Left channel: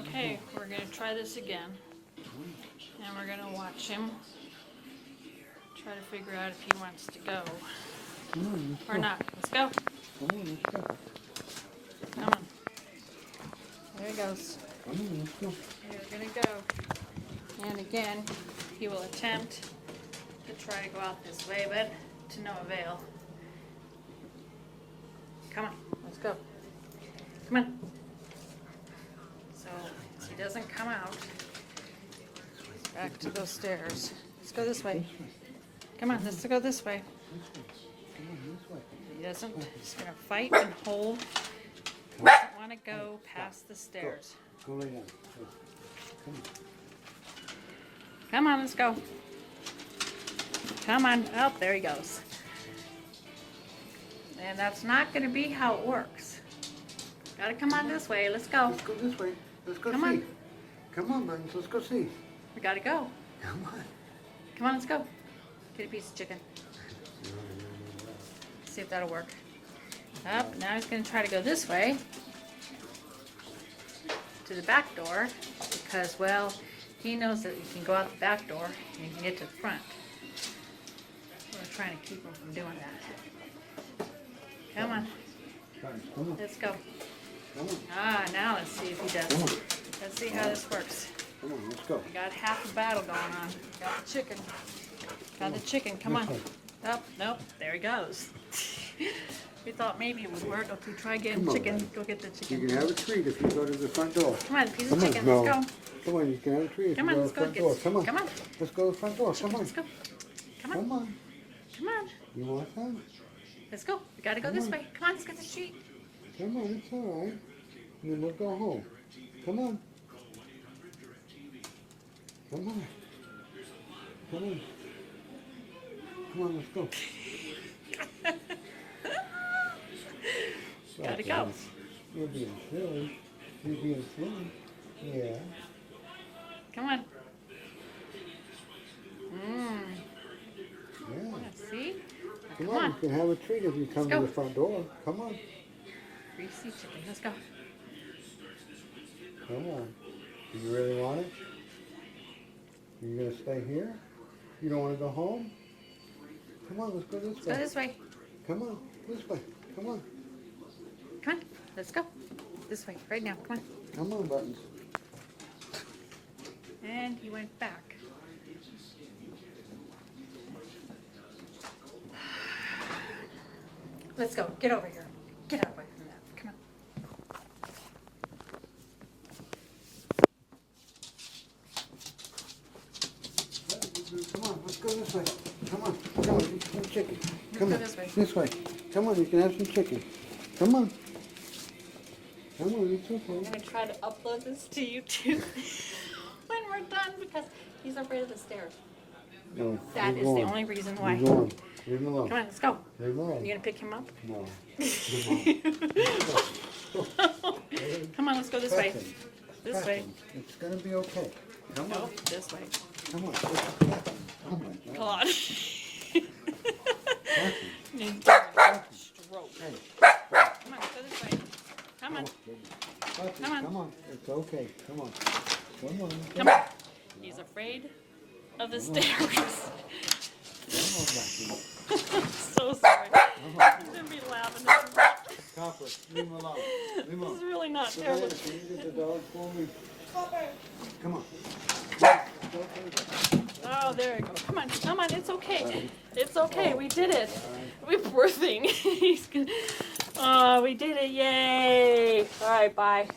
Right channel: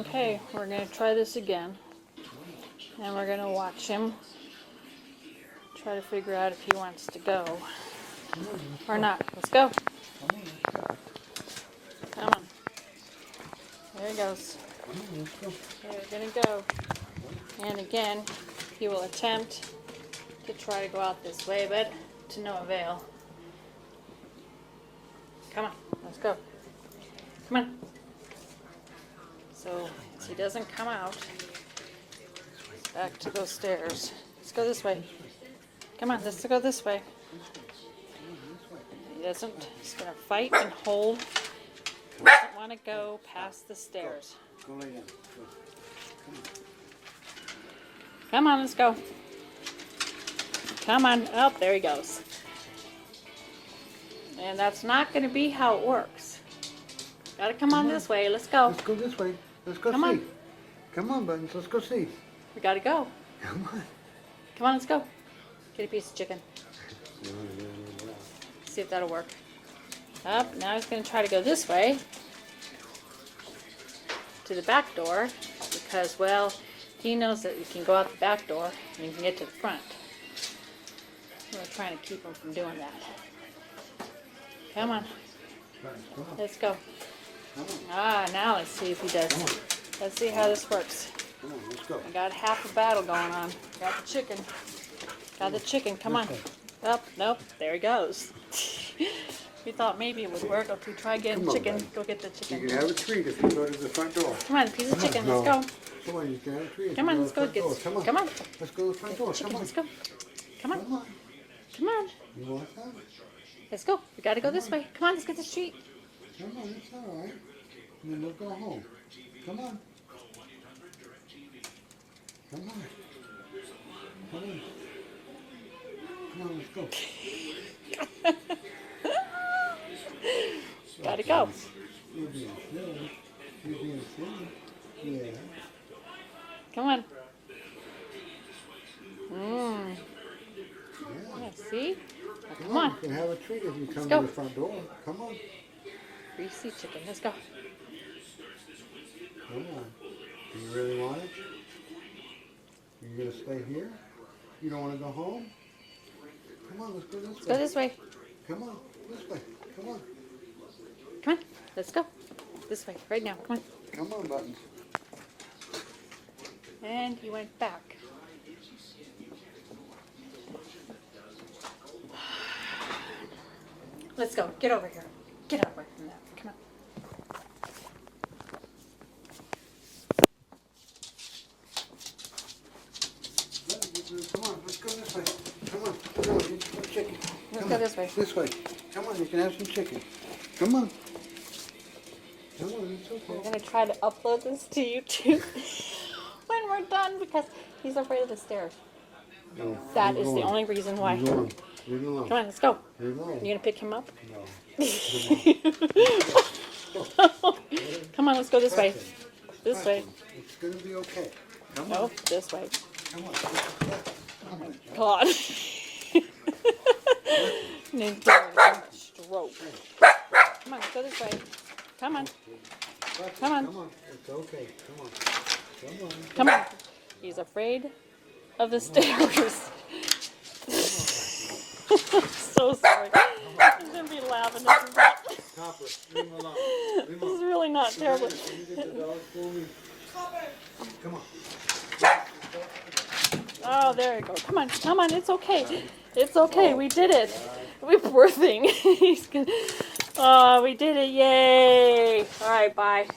Okay, we're going to try this again. And we're going to watch him try to figure out if he wants to go or not. Let's go. Come on. There he goes. There, we're going to go. And again, he will attempt to try to go out this way, but to no avail. Come on, let's go. Come on. So, if he doesn't come out, back to those stairs. Let's go this way. Come on, let's go this way. He doesn't. He's going to fight and hold. He doesn't want to go past the stairs. Go lay down. Come on, let's go. Come on. Oh, there he goes. And that's not going to be how it works. Got to come on this way. Let's go. Let's go this way. Let's go Come see. on. Come on, Buttons. Let's go see. We got to go. Come on. Come on, let's go. Get a piece of chicken. See if that'll work. Up. Now he's going to try to go this way to the back door because, well, he knows that you can go out the back door and you can get to the front. We're trying to keep him from doing that. Come on. Let's go. Ah, now let's see if he does. Let's see how this works. I got half a battle going on. Got the chicken. Got the chicken. Come on. Up. Nope. There he goes. We thought maybe it would work. Okay, try getting chicken. Go get the chicken. You can have a treat if you go to the front door. Come on, piece of chicken. Let's go. Come on, you can have a treat. Come on, let's go get. Come on. Come on. Let's go to the front door. Come on. Let's go. Come on. Come on. Come on. You want some? Let's go. We gotta go this way. Come on, let's get this treat. Come on, it's all right. And then we'll go home. Come on. Come on. Come on. Come on, let's go. Gotta go. You're being silly. You're being silly. Yeah. Come on. Yeah, see? Now, come on. You can have a treat if you come go. to the front door. Come on. Greasy chicken. Let's go. Come on. Do you really want it? You gonna stay here? You don't want to go home? Come on, let's go this Let's way. go this way. Come on, this way. Come on. Come on. Let's go. This way. Right now. Come on. Come on, Buttons. And he went back. Let's go. Get over here. Get away from that. Come on. Come on, let's go this way. Come on, come on, get some chicken. Let's go this way. This way. Come on, you can have some chicken. Come on. Come on, it's okay. I'm going to try to upload this to YouTube when we're done because he's afraid of the stairs. No, That is the only reason why. Leave him alone. Leave him alone. Come on, let's go. Leave him alone. You going to pick him up? No. Come on, let's go this way. This way. It's going to be okay. Come on. No, this way. Come on. Come on. Come on. Need to give him a stroke. Come on, let's go this way. Come on. Come on. Come on. It's okay. Come on. Come on. Come on. He's afraid of the stairs. So sorry. He's going to be laughing. Stop it. Leave him alone. Leave him This is alone. really not terrible. Can you get the dog for me? Come on. Oh, there you go. Come on. Come on. It's okay. It's okay. We did it. We poor thing. He's gonna... Oh, we did it. Yay. All right. Bye.